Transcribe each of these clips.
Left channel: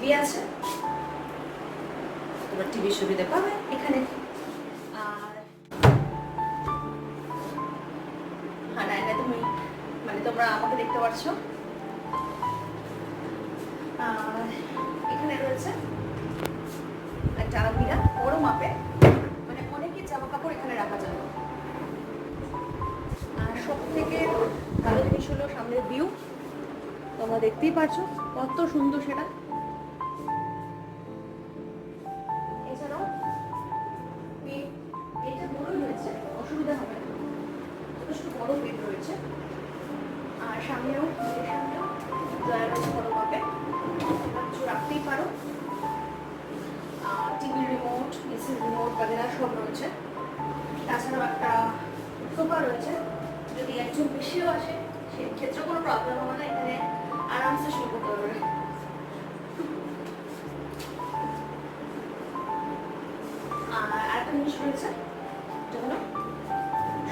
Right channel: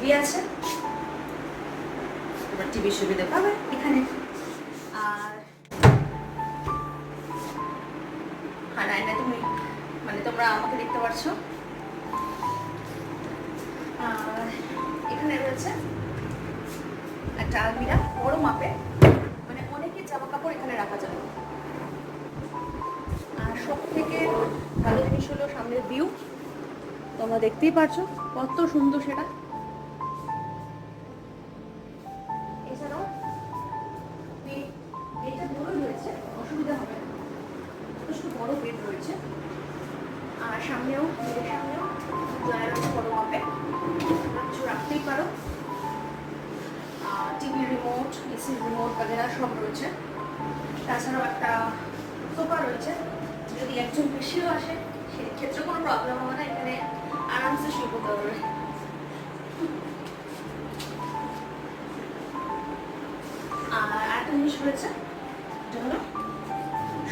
TV আছে, টিভির সুবিধা পাবে এখানে। আর আয়নায় তুমি মানে তোমরা আমাকে দেখতে পাচ্ছ। আর এখানে রয়েছে একটা আলমিরা, বড় মাপে, মানে অনেকের জামা কাপড় এখানে রাখা যায়। আর সব থেকে ভালো জিনিস হলো সামনের ভিউ, তোমরা দেখতেই পাচ্ছো কত সুন্দর সেটা। এছাড়াও এটা বড় রয়েছে, অসুবিধা হবে না, যথেষ্ট বড় বেড রয়েছে। আর সামনেও বেডের সামনেও ড্রয়ার রয়েছে বড় মাপে, কিছু রাখতেই পারো। টিভি রিমোট, এসি রিমোট বাগেরা সব রয়েছে। তাছাড়াও একটা সোফা রয়েছে, যদি একজন বেশিও আসে সেক্ষেত্রে কোনো প্রবলেম হবে না, এখানে আরামসে শুয়ে পড়তে পারবে। আর আরেকটা জিনিস রয়েছে, যেটা হলো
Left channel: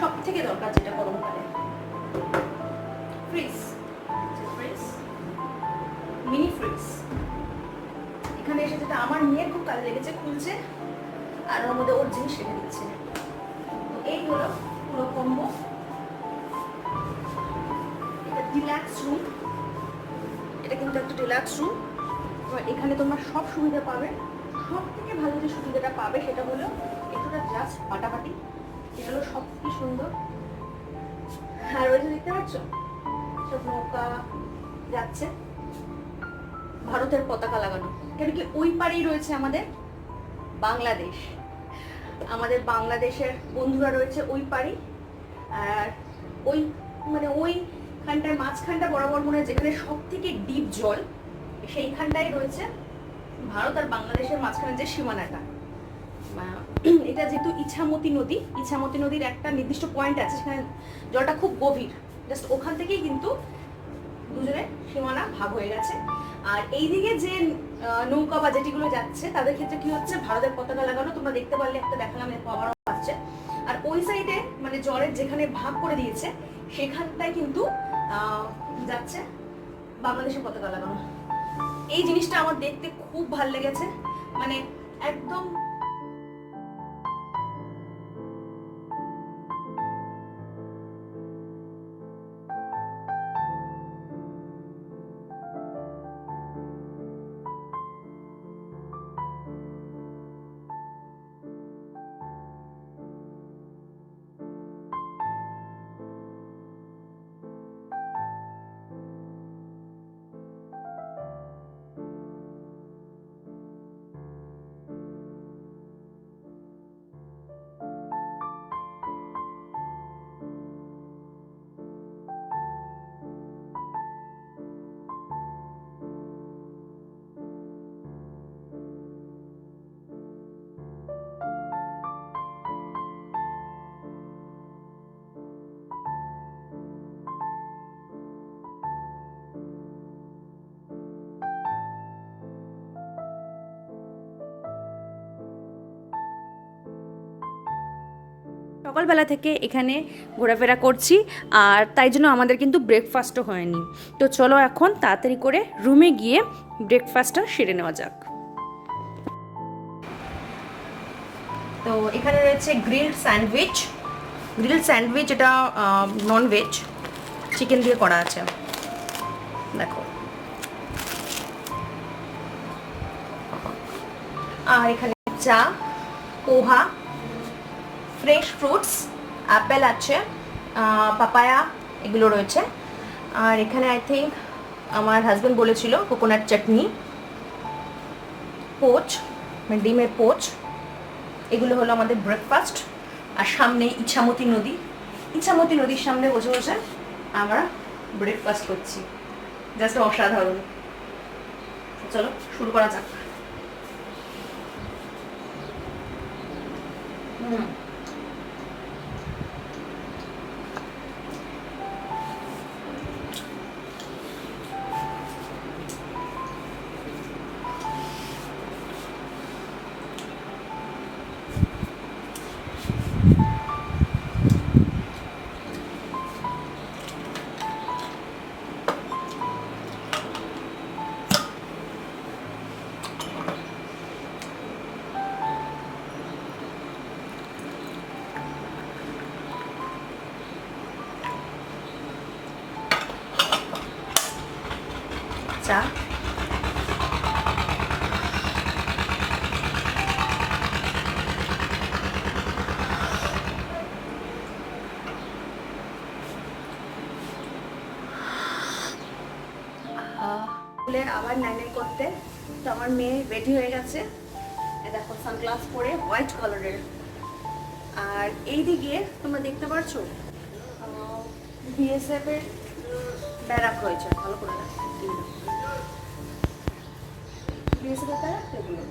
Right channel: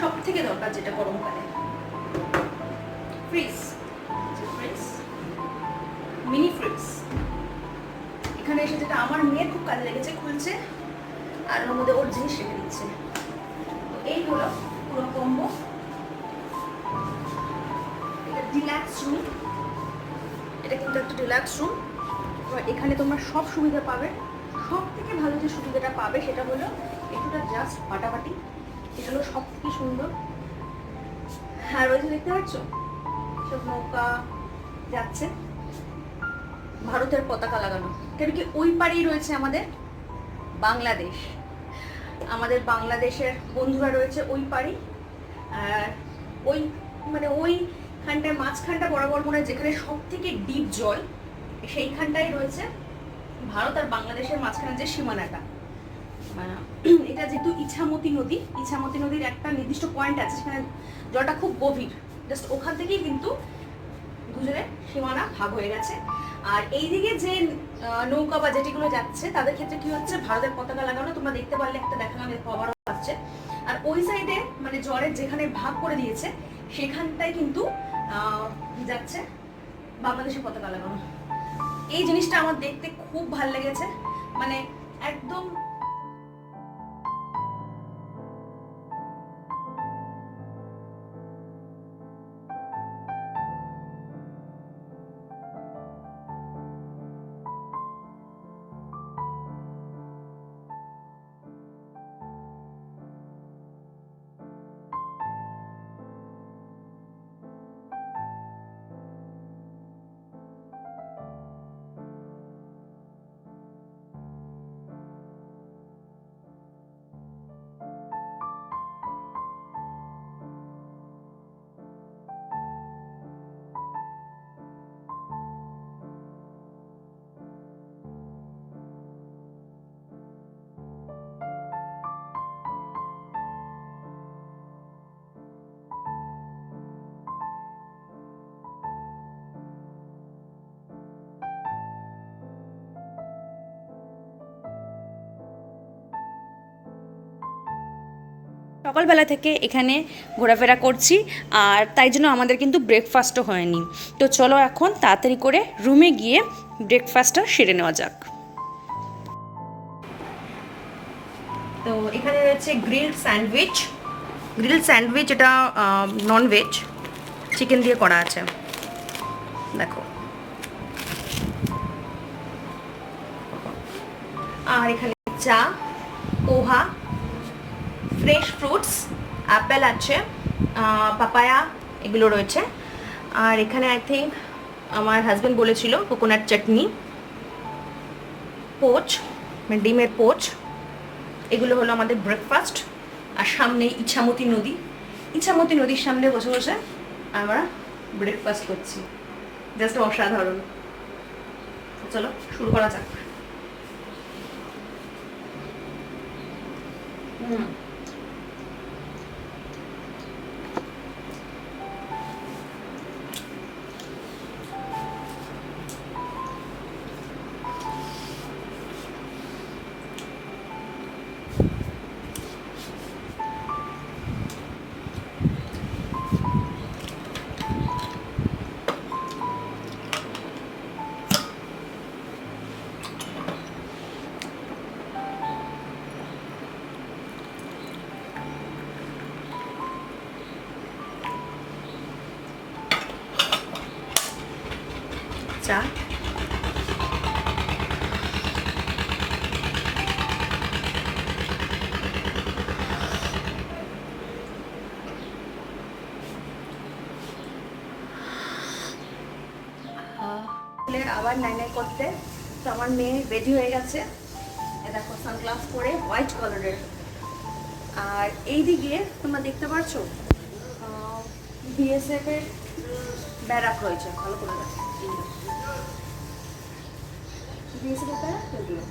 সব থেকে দরকার যেটা গরমকালে, ফ্রিজ। মিনি ফ্রিজ এখানে এসে, যেটা আমার মেয়ের খুব কাজে লেগেছে, খুলছে আর ওর মধ্যে ওর জিনিস রেখে দিচ্ছে। তো এই হলো পুরো কম্বো। এটা ডিলাক্স রুম, এটা কিন্তু একটা ডিলাক্স রুম। এবার এখানে তোমরা সব সুবিধা পাবে। সব থেকে ভালো যে সুবিধাটা পাবে সেটা হলো একটুটা জাস্ট পাটাপাটি, এটা হলো সব কি সুন্দর। আর ওই যে দেখতে পাচ্ছ সব নৌকা যাচ্ছে, ভারতের পতাকা লাগানো, কেন কি ওই পারেই রয়েছে আমাদের বাংলাদেশ, আমাদের বাংলাদেশের বন্ধুরা রয়েছে ওই পারেই। আর ওই মানে ওইখানটায় মাঝখানটা বরাবর মনে হয় যেখানে সব থেকে ডিপ জল, সেইখানটাই রয়েছে ভারত আর বাংলাদেশের মাঝখানে যে সীমানাটা। এটা যেহেতু ইছামতি নদী, ইছামতি নদীর একটা নির্দিষ্ট পয়েন্ট আছে, সেখানে জলটা খুব গভীর, জাস্ট ওখান থেকেই কিন্তু দুজনের সীমানা ভাগ হয়ে গেছে। আর এইদিকে যে নৌকা বা যেটিগুলো যাচ্ছে তাদের ক্ষেত্রে কি হচ্ছে, ভারতের পতাকা লাগানো, তোমরা দেখতে পারলে একটা দেখালাম, এর আবারও আসছে। আর ওই সাইডে মানে জলের যেখানে ভাগ করে দিয়েছে সেখানটাই কিন্তু যাচ্ছে বাংলাদেশের পতাকা লাগানো। এই জিনিসটা আমার দেখতে খুব ভালো লেগেছে, মানে একদম সকালবেলা থেকে এখানে ঘোরাফেরা করছি, আর তাই জন্য আমাদের কিন্তু ব্রেকফাস্টও হয়নি। তো চলো এখন তাড়াতাড়ি করে রুমে গিয়ে ব্রেকফাস্টটা সেরে নেওয়া যাক। তো এখানে রয়েছে গ্রিলড স্যান্ডউইচ, এটা নন ভেজ, চিকেন দিয়ে করা আছে, দেখো। আর এখানে চা, পোহা, ফ্রেশ ফ্রুটস, অ্যাপেল আছে, পাপায়া, এগুলো রয়েছে। আর এখানে আই থিঙ্ক আমার হাজব্যান্ড বলেছিল কোকোনাট চাটনি, পোচ, মানে ডিমের পোচ, এগুলো হলো আমাদের ব্রেকফাস্ট। আর সামনে ইছামতি নদীর সামনে বসে বসে আমরা ব্রেকফাস্ট করছি, জাস্ট অসাধারণ। চলো শুরু করা যাক। চা। আবার নাই নাই করতে। তো আমার মেয়ে রেডি হয়ে গেছে, দেখো সানগ্লাস পরে হোয়াইট কালারের। আর এইদিকে তোমরা দেখতে পাচ্ছো বিএসএফ এর ব্যারাক রয়েছে, ভালো করে দেখো। বিএসএফ এর ব্যারাক এগুলো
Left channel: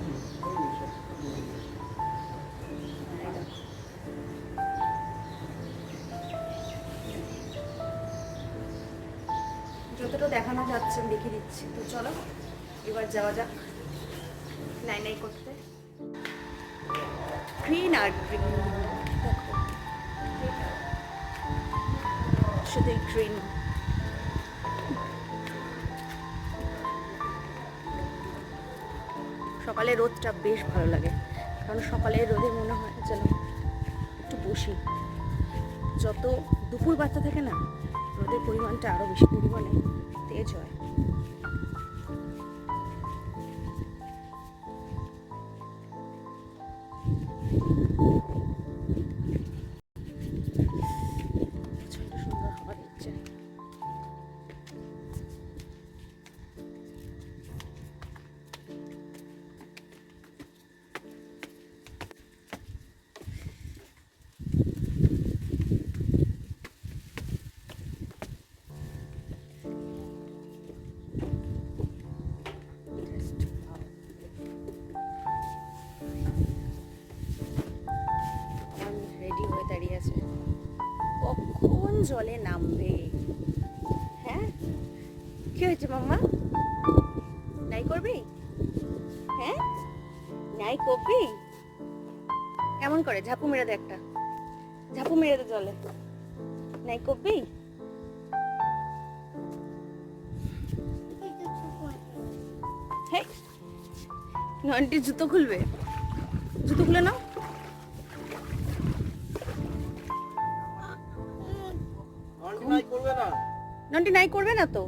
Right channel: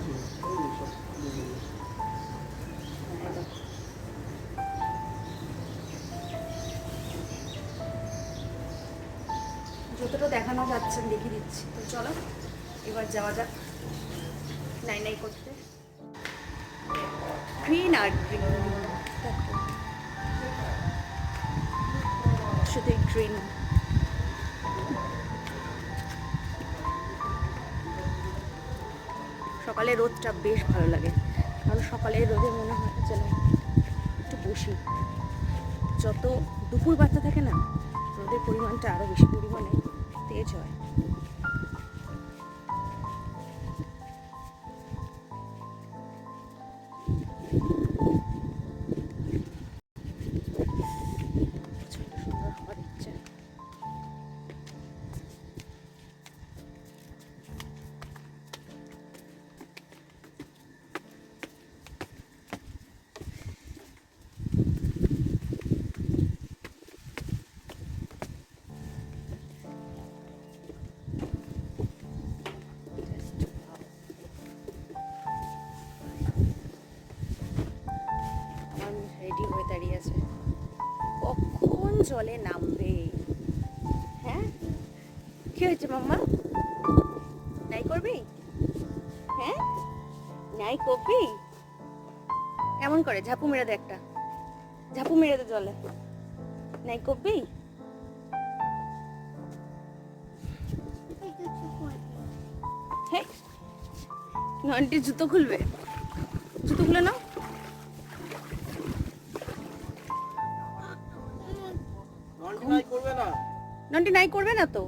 যতটা দেখানো যাচ্ছে আমি দেখিয়ে দিচ্ছি। তো চলো এবার যাওয়া যাক নাই নাই করতে। গ্রিন আর গ্রিন, দেখো শুধু গ্রিন। সকালে রোদটা বেশ ভালো লাগে, কারণ সকালে রোদে মনে হয় যেন একটু বসি। যত দুপুর বাড়তে থাকে না, রোদের পরিমাণটা আরো বেশি পরিমাণে তেজ হয়। প্রচন্ড সুন্দর হাওয়া দিচ্ছে। রেডি হয়ে দাঁড়িয়ে আছে, কখন জলে নামবে। হ্যাঁ কি হয়েছে মাম্মা, নাই করবি? হ্যাঁ নাই করবি? কেমন করে ঝাপু মেরে দে, একটা ঝাপু মেরে দে জলে। নাই করবি? হ্যাঁ নন্টি জুতো খুলবে, জুতো খুলে নাও। নন্টি নাই করবে না তো,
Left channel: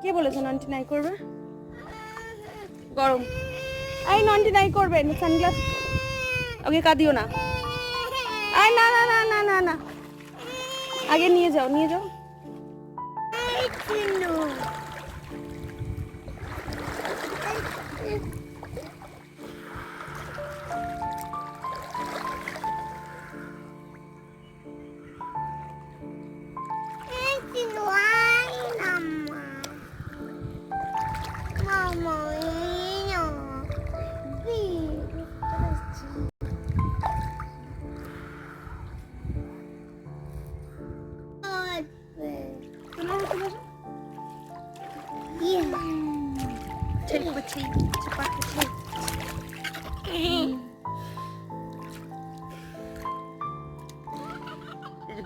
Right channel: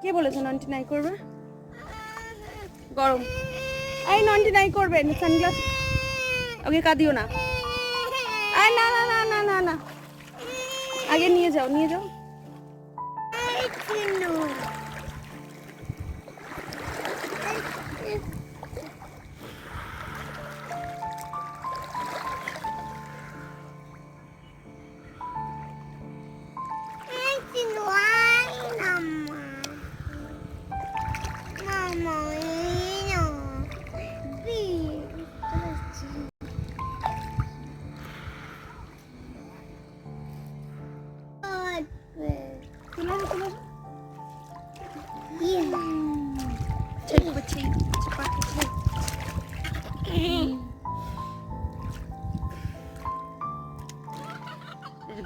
কে বলেছে নন্টি নাই করবে? গরম, এই নন্টি নাই করবে। সানগ্লাস ওকে কাঁদিও না। না না না না না না, আগে নিয়ে যাও নিয়ে যাও।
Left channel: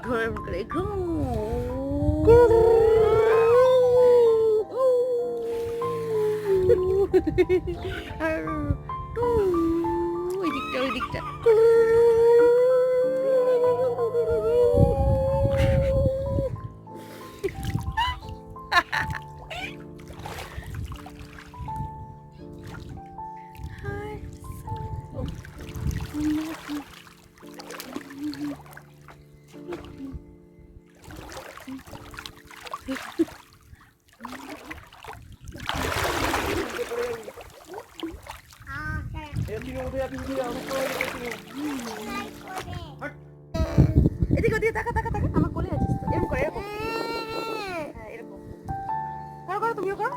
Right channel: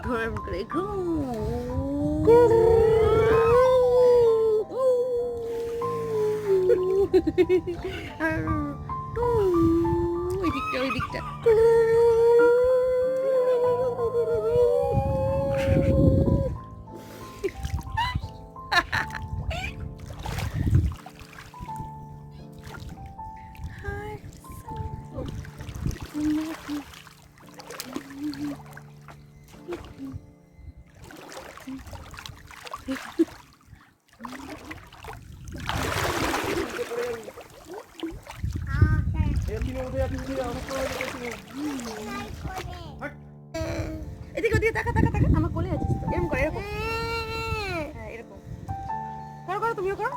ঘুম করে ঘুম। আর ওই দিকটা ওই দিকটা এদিকে ওদিকে তাকা তাকা তাকা, আমার কোলে আছিস তো। এরকম করো, এরকম, হ্যাঁ এরকম করো করো, তুমিও করো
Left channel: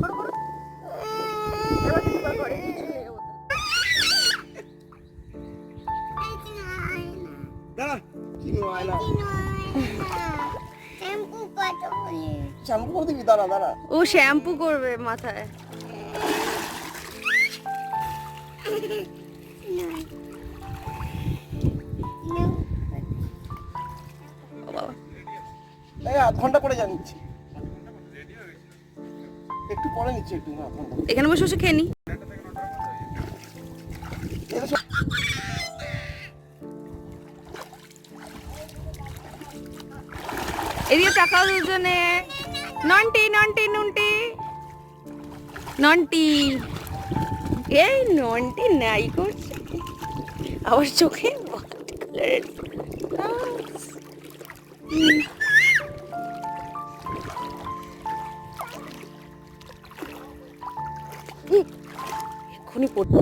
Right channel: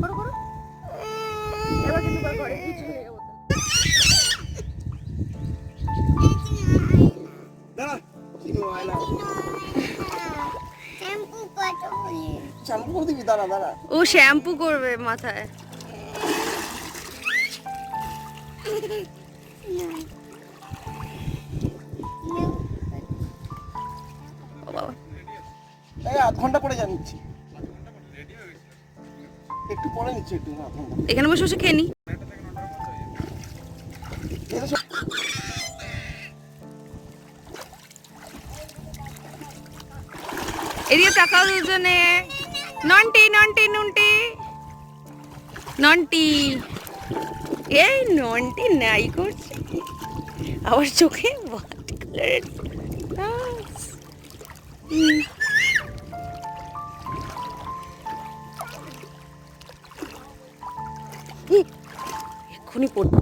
করো করো। এবার কিছু করো করে কিছু হয়ে যাবো। দাঁড়া কি গো আইলা শ্যাম্পু কত বলি, শ্যাম্পু করে দিবি? দাঁড়া দাঁড়া, ও শ্যাম্পু করবে মাথায়। আধ ঘন্টা পরে জানিচ্ছি, একটু পরে নিচ্ছি, একটু আধ ঘন্টা। এখানে বসে বসে খেয়ে নি। এদিকে টাকাও দুজনে। নন্টি নন্টি নন্টি নন্টি, এই নন্টি নাই করছে, আবার চোখে হোয়াইট কালারের এক্ষুনি পড়তো।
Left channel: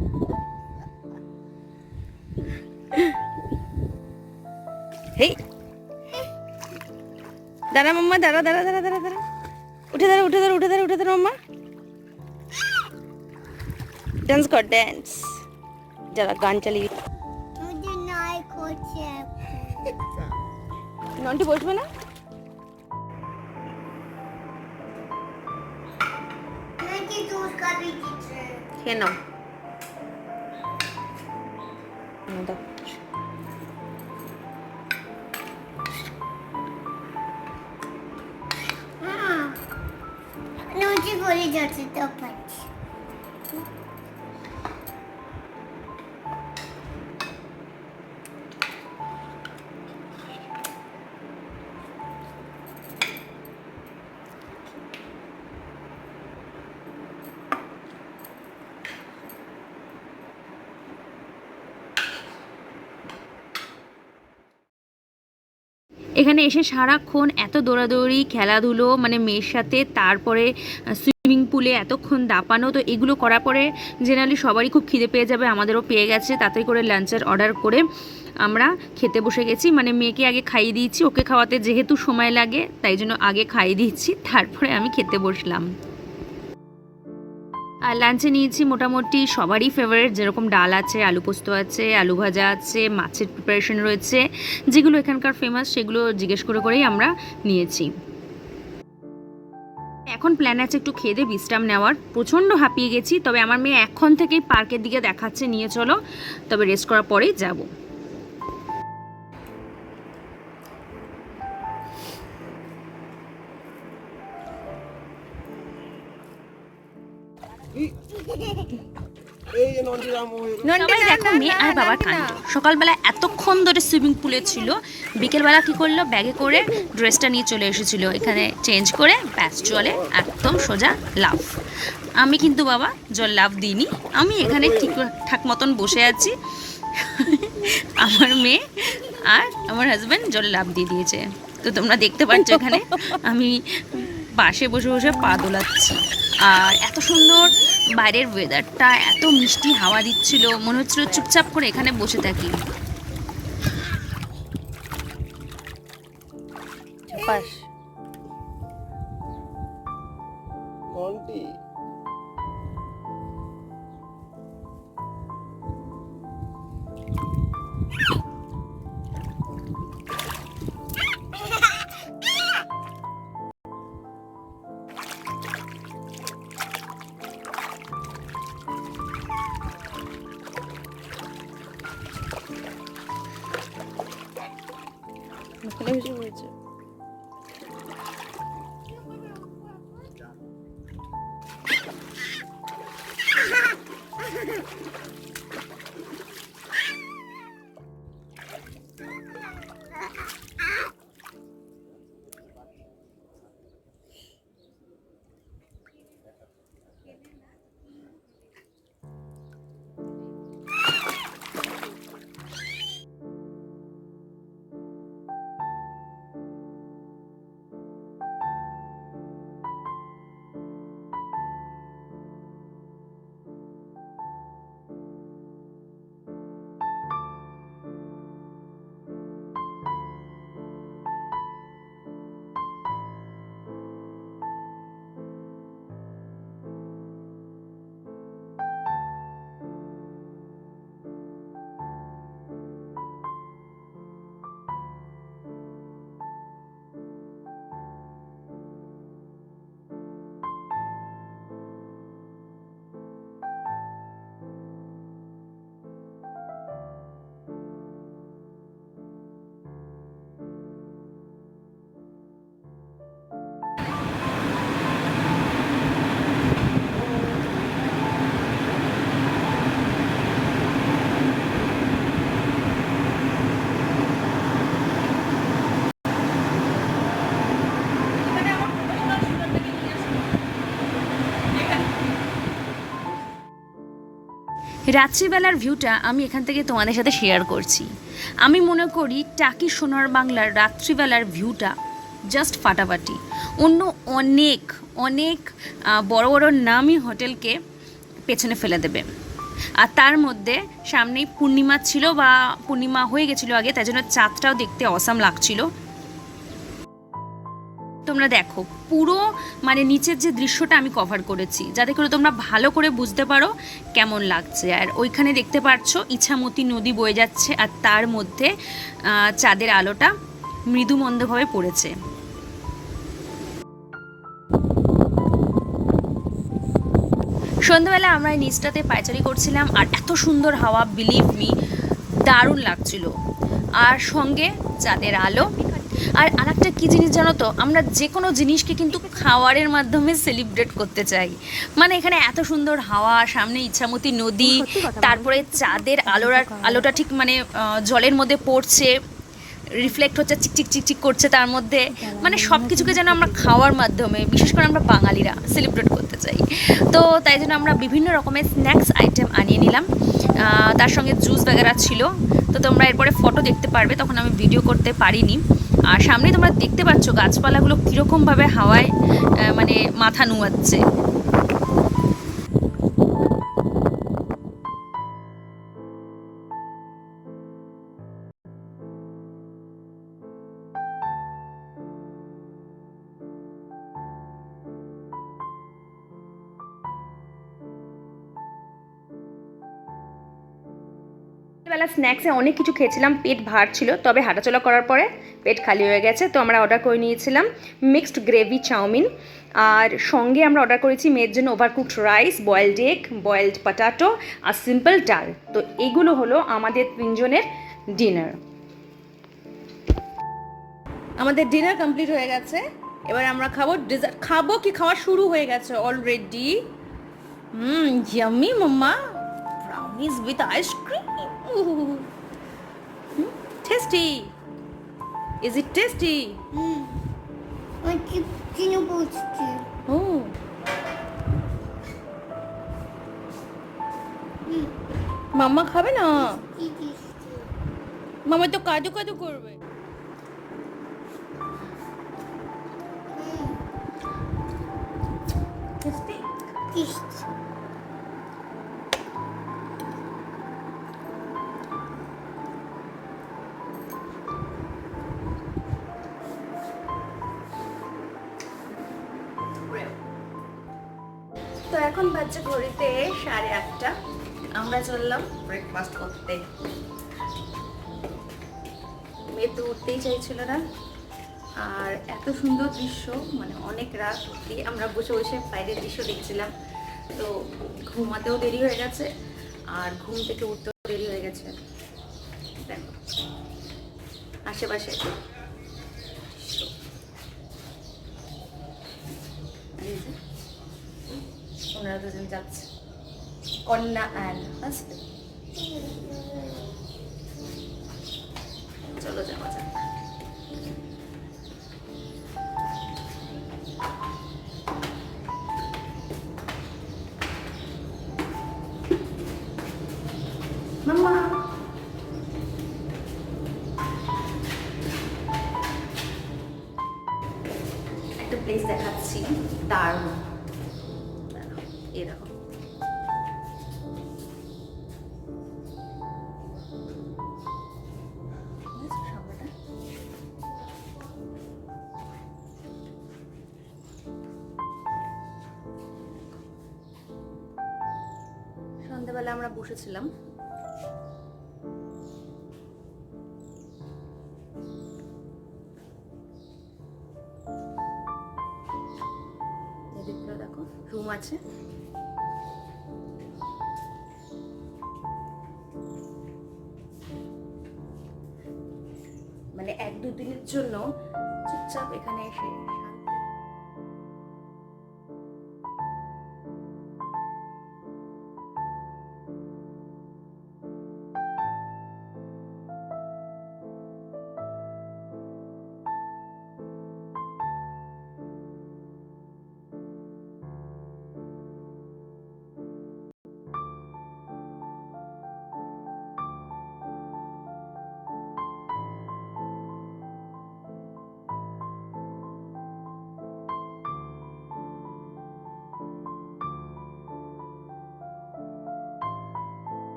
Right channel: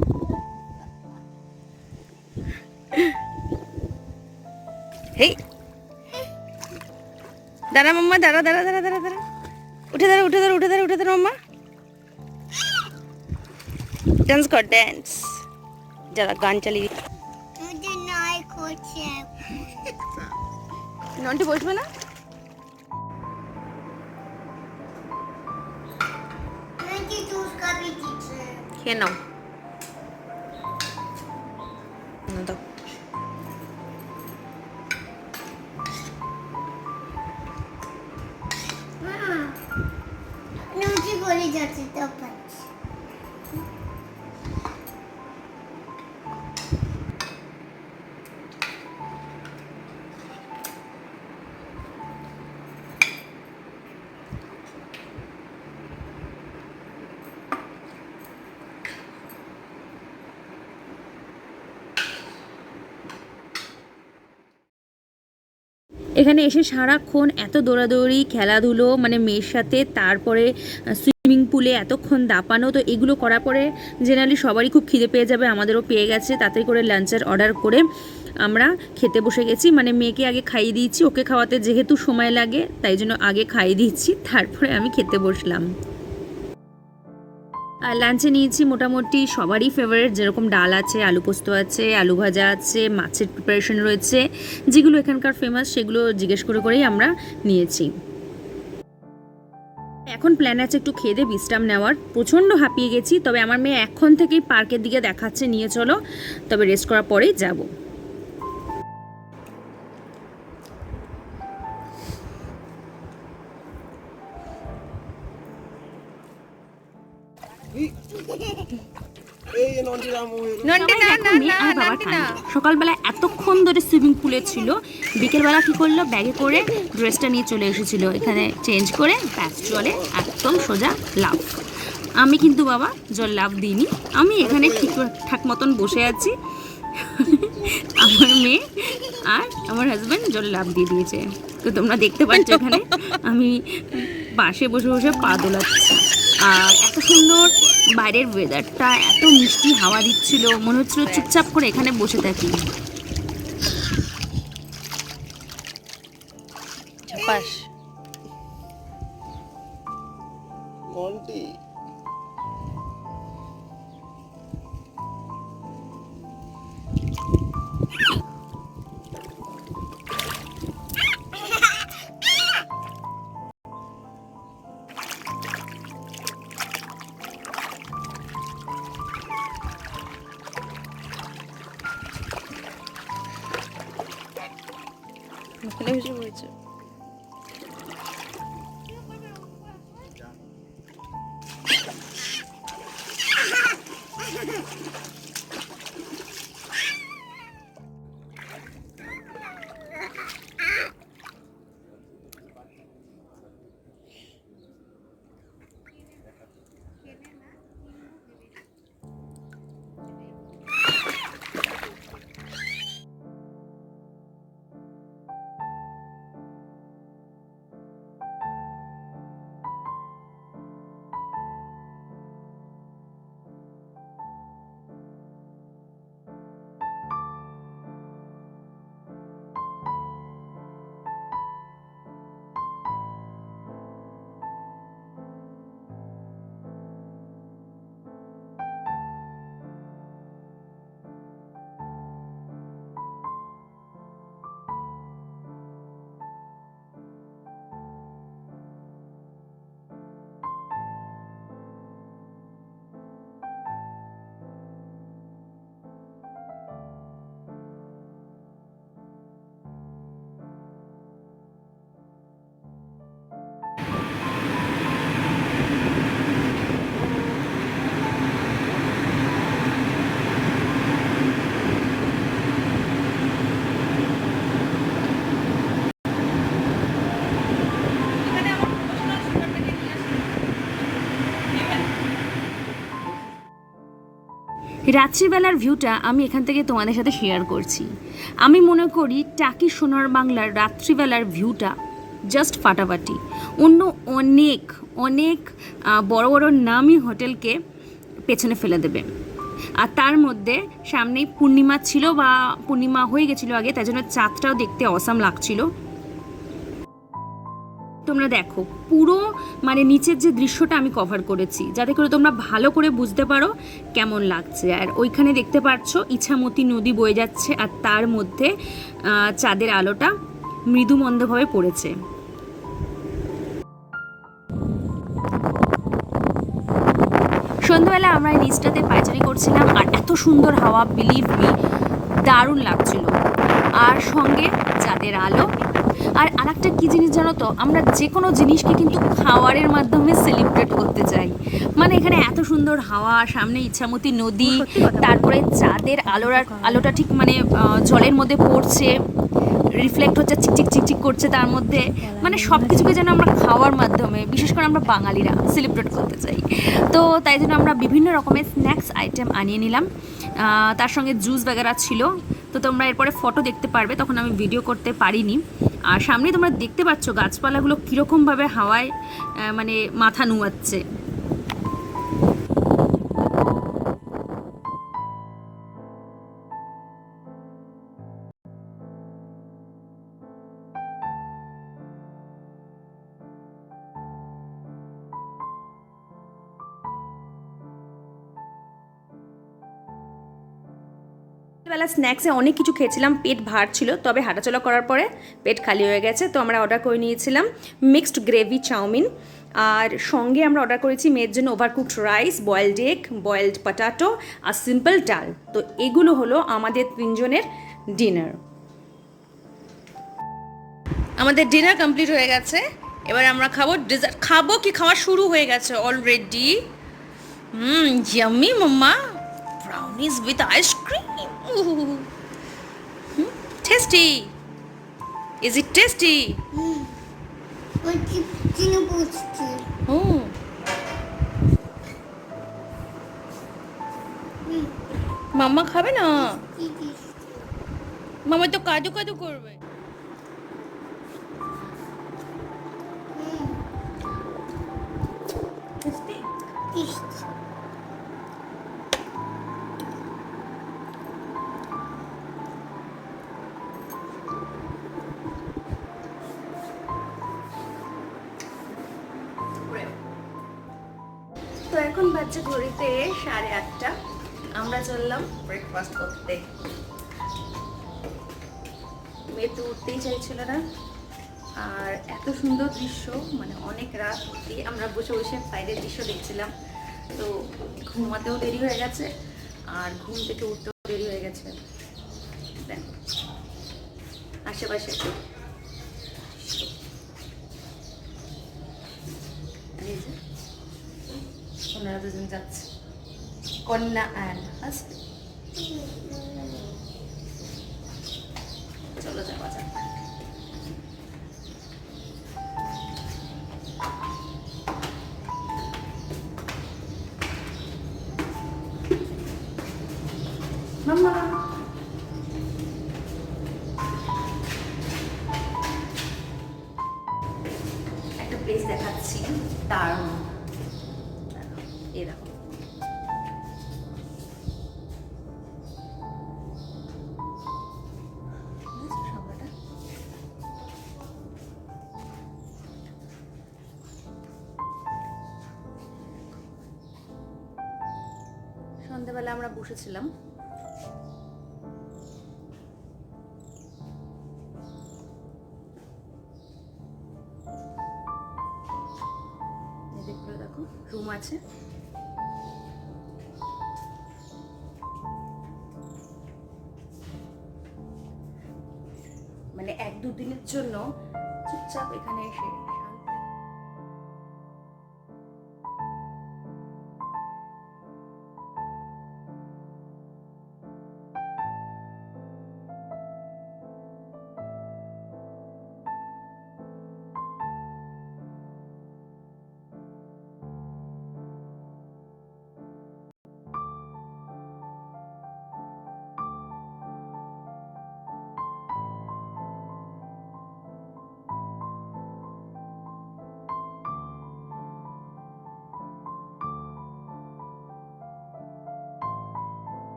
হেই দাঁড়া মাম্মা, দাঁড়া দাঁড়া দাঁড়া দাঁড়া দাঁড়া, উঠে দাঁড়া উঠে দাঁড়া উঠে দাঁড়া উঠে দাঁড়া মাম্মা, ডান্স কর ডান্স, যারা গান চালিয়ে। নন্টি বসবে না, খেয়ে নাও দাও। যাচ্ছে তো পাচ্ছি। এখানে এসে সারাক্ষণ এত দৌড়াদৌড়ি খেলাধুলো মানে মেয়ের সাথে, তারপরে সুইমিং পুলে এতক্ষণ দাপানো, তো এগুলো করার পরে জেনারেলি সবারই খুব খিদে পেয়ে যাবে, আমাদেরও পেয়ে গেছে। তাড়াতাড়ি করে লাঞ্চের অর্ডার করে আমরা খেতে বসে গেছি। মানে মেয়েকে আগে খাইয়ে দিয়েছি, ওকে খাওয়াতে যেহেতু সময় লাগে তাই জন্য আগে খাইয়ে দিচ্ছি, তারপরে আমি খেতে বসলাম। আর লাঞ্চে নিয়েছি মোটামুটি সবারই ফেভারিট, যেরকম ডাল আছে, আলু পোস্ত আছে, আলু ভাজা আছে, মাছের প্রিপারেশন রয়েছে, যেগুলো এখানকার ফেমাস সেগুলো জিজ্ঞেস করে করেই আমরা নিয়েছি। এখন প্ল্যান আছে একটু খেয়ে দিয়ে বিশ্রাম নেওয়ার, প্রচণ্ড হাঁপিয়ে গেছি। তবে আমার মেয়ে এখন থেকেই পার্কের দিকে দেখাচ্ছে নিয়ে চলো, তবে রেস্ট করার পরেই যাব। সকালবেলা এতক্ষণ ধরে সুইমিং পুলে ছিল, বিকেলবেলা কি করলো, ব্যাগে করে ড্রেসটা নিয়ে চলে এসেছিল, এখানে চেঞ্জ করে ব্যাস জলে একদম সোজা লাফ। আমি কিন্তু বাবা জল লাফ দিইনি, আমি এখানে ঠিকঠাক মতন বসে আছি, আমার মেয়ে আর আমার হাজব্যান্ড জলে লাফ দিয়ে দিয়েছে। তো তোমরা দেখতে পাচ্ছ এখানে আমি পাশে বসে বসে পা দোলাচ্ছি। আর এত সুন্দর বাইরের ওয়েদারটা, এত মিষ্টি হাওয়া দিচ্ছিল, মনে হচ্ছিল চুপচাপ করে এখানে বসে থাকি। এখানে বসে পড়েছে। রাত্রিবেলার ভিউটা আমি এখান থেকে তোমাদের সাথে শেয়ার করছি। আমি মনে করি টাকি সোনার বাংলার রাত্রিবেলার ভিউটা জাস্ট ফাটাফাটি। অন্য অনেক অনেক বড় বড় নামি হোটেলকে পেছনে ফেলে দেবে। আর তার মধ্যে সামনেই পূর্ণিমা ছিল, বা পূর্ণিমা হয়ে গেছিলো আগে, তাই জন্য চাঁদটাও দেখতে অসাম লাগছিল। তোমরা দেখো পুরো মানে নিচের যে দৃশ্যটা আমি কভার করেছি, যাতে করে তোমরা ভালো করে বুঝতে পারো কেমন লাগছে। আর ওইখানে দেখতে পাচ্ছ ইছামতি নদী বয়ে যাচ্ছে, আর তার মধ্যে চাঁদের আলোটা মৃদুমন্দভাবে পড়েছে। সন্ধ্যাবেলা আমরা এই নিচটাতে পায়চারি করছিলাম, আর এত সুন্দর হাওয়া, বিলিভ মি, দারুণ লাগছিল। আর সঙ্গে চাঁদের আলো। আর আরেকটা কী জিনিস জানো তো, আমরা যে কোনো জিনিসকে কিন্তু খাওয়ারের মাধ্যমে সেলিব্রেট করতে চাই। মানে এখানে এত সুন্দর হাওয়া, সামনে ইছামতি নদী, তারপরে চাঁদের আলোটা ঠিক মানে জলের মধ্যে পড়ছে, রিফ্লেক্ট হচ্ছে, চিকচিক চিকচিক করছে তার মধ্যে। মানে সব কিছুকে যেন আমরা খাওয়ার মাধ্যমে, বিশেষ করে আমরা বাঙালিরা সেলিব্রেট করতে চাই। তো তাই জন্য আমরা বিভিন্ন রকমের স্ন্যাক্স আইটেম আনিয়ে নিলাম, তার সঙ্গে জুস বাগেরা ছিল। তো তোমরা এরপরে ফটো দেখতে পারবে, তখন আমি ভিডিও করতে পারিনি। আর সামনেই তোমরা দেখতে পাচ্ছ গাছপালাগুলো কীরকমভাবে হাওয়ায় মানে মাথা নুয়াচ্ছে। বেলা স্ন্যাক্সে অনেক কিছু খেয়েছিলাম, পেট ভার ছিল, তবে হাঁটাচলা করার পরে পেট খালি হয়ে গেছে। তো আমরা অর্ডার করে নিয়েছিলাম মিক্সড গ্রেভি চাউমিন, আর সঙ্গে আমরা অর্ডার করেছি মেয়ের জন্য overcooked rice, boiled egg, boiled potato আর সিম্পল ডাল। তো এগুলো হলো আমাদের তিনজনের ডিনার। আমাদের ডিনার কমপ্লিট হয়ে গেছে, এবার আমরা খাবো ডেজার্ট। খাবো কি, খাওয়া শুরু হয়ে গেছে already. Yummy mamma, brownies with ice cream. Ooh. Tasty. Is it tasty? ওই চিনি বুঝছি। Oh. মাম্মা খাবে না? মামা তো কাজু কাজু করবে। Tasty. তো এখন বাজছে ঘড়িতে 8:30। আমরা চললাম ব্রেকফাস্ট করতে। মেয়ে তো উঠতেই চাইছিল না, আর এত সুন্দর দৃশ্য, মানে অনেক রাত অবধি আমরা বসে বসে বাইরের দৃশ্য দেখছিলাম। তো ঘুমাতেও দেরি হয়ে গেছে, আর ঘুম থেকে উঠতেও দেরি হয়ে গেছে। দেখো আশেপাশে ওনারা দুজন যাচ্ছে, কন্যা অ্যান্ড হাজবেন্ড। চলো যাওয়া যাক। মাম্মা একটা প্লেস দেখাচ্ছি, দারুণ। এরকম সন্ধ্যাবেলা আমরা বসেছিলাম, দেখো রুম আছে, মানে 1-2 দিনের জন্য চুপচাপ এখানে এসে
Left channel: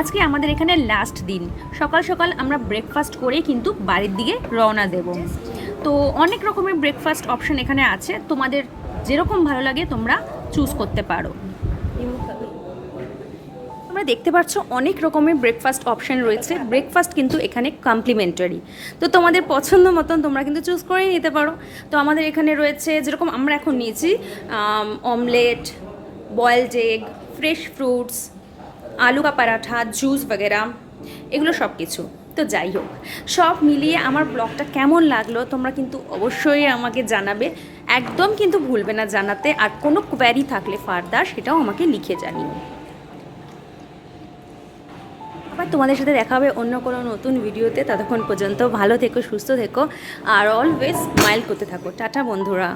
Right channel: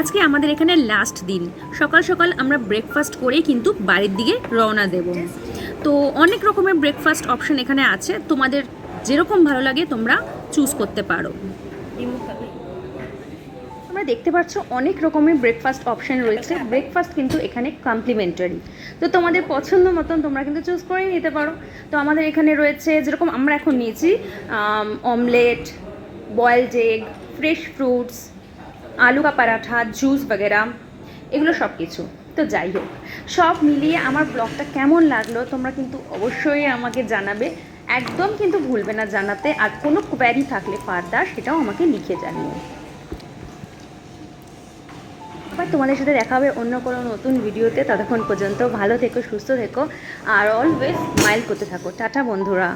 আজকে আমাদের এখানে লাস্ট দিন, সকাল সকাল আমরা ব্রেকফাস্ট করেই কিন্তু বাড়ির দিকে রওনা দেব। তো অনেক রকমের ব্রেকফাস্ট অপশন এখানে আছে, তোমাদের যেরকম ভালো লাগে তোমরা চুজ করতে পারো। তোমরা দেখতে পাচ্ছ অনেক রকমের ব্রেকফাস্ট অপশন রয়েছে। ব্রেকফাস্ট কিন্তু এখানে কমপ্লিমেন্টারি, তো তোমাদের পছন্দ মতন তোমরা কিন্তু চুজ করে নিতে পারো। তো আমাদের এখানে রয়েছে, যেরকম আমরা এখন নিয়েছি, omelette, boiled egg, fresh fruits, আলু কা পরাঠা, জুস বগেরা, এগুলো সব কিছু। তো যাই হোক, সব মিলিয়ে আমার ব্লগটা কেমন লাগলো তোমরা কিন্তু অবশ্যই আমাকে জানাবে, একদম কিন্তু ভুলবে না জানাতে। আর কোনো কোয়ারি থাকলে ফার্দার সেটাও আমাকে লিখে জানিও। আবার তোমাদের সাথে দেখা হবে অন্য কোনো নতুন ভিডিওতে। ততক্ষণ পর্যন্ত ভালো থেকো, সুস্থ থেকো, আর অলওয়েজ স্মাইল করতে থাকো। টাটা বন্ধুরা।